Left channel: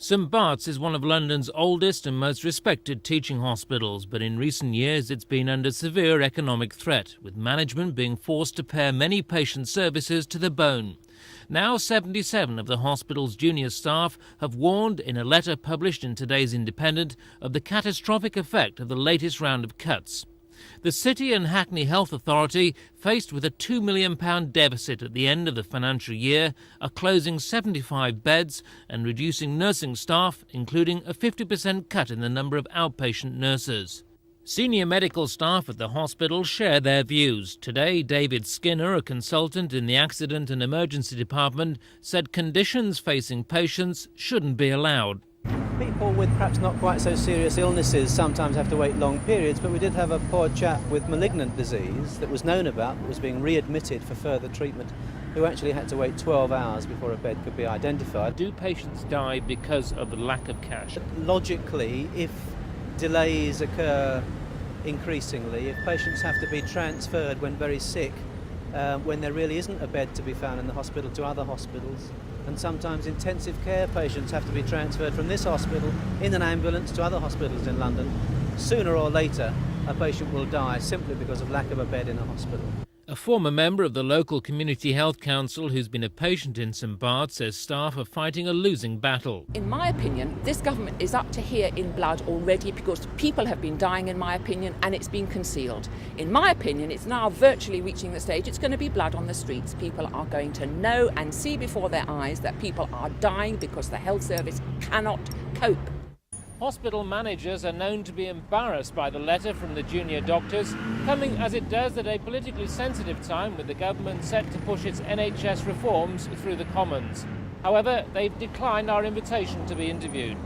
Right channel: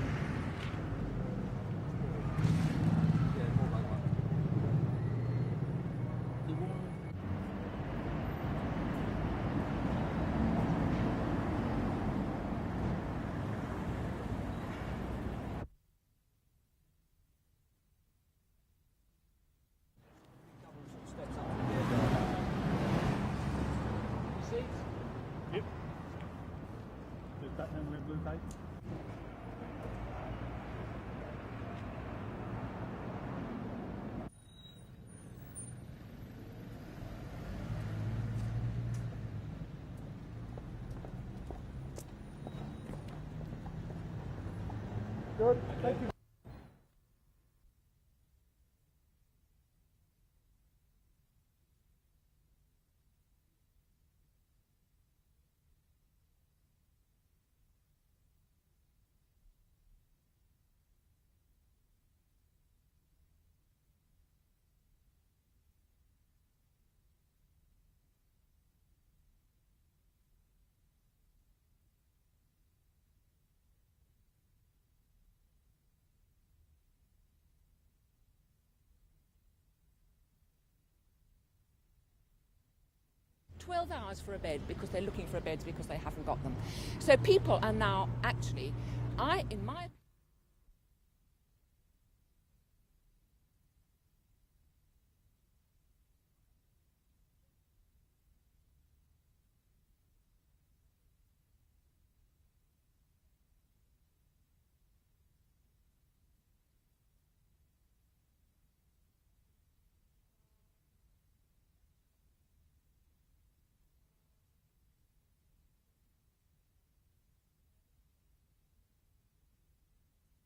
St Bart's is one of London's oldest and most respected teaching hospitals, but in recent years it's been under severe economic threat, with management being forced to pare many patient services to the bone. Now 77 of the hospital's junior staff have warned in a letter published in today's Independent of the catastrophic effect of the latest round of cuts. The City and Hackney Health Authority, faced with a £2 million deficit at the end of the financial year, are closing 75 beds and reducing nursing staff, including a 50% cut in the number of outpatient nurses. Senior medical staff at the hospital share their views. Today, David Skinner, a consultant in the Accident and Emergency Department, said conditions facing patients shouldn't be allowed. People with perhaps not quite so serious illnesses sometimes have to wait long periods, but we did have a poor chap with malignant disease that was known about, that was being readmitted for further treatment, who actually had to wait 12 hours before a bed could be identified. Do patients die because of the lack of cash? Logically, if delays occur increasingly, if patients have to be transferred when very sick, when there really isn't a bed to be found in the hospital to other hospitals, and sometimes intensive care patients have to be transferred from this hospital in an ambulance to other hospitals in London, sooner or later a patient will die simply because of lack of a bed in a hospital. A former member of the local Community Health Council who's been a patient in St Bart's says staff are fighting a losing battle. In my opinion, this government is up to here in blood already, because people have been dying, in my opinion, and it's been concealed. In my opinion, it's now virtually reaching the stage. It's going to be blood on the streets. People are going to know and see before their eyes that people are dying because the health service cannot cope. Hospital managers are known to be embarrassed by the letter from the junior doctors, coming as it does at a politically sensitive time with the government set to push its NHS reforms through the Commons. However, they've declined our invitation to be interviewed.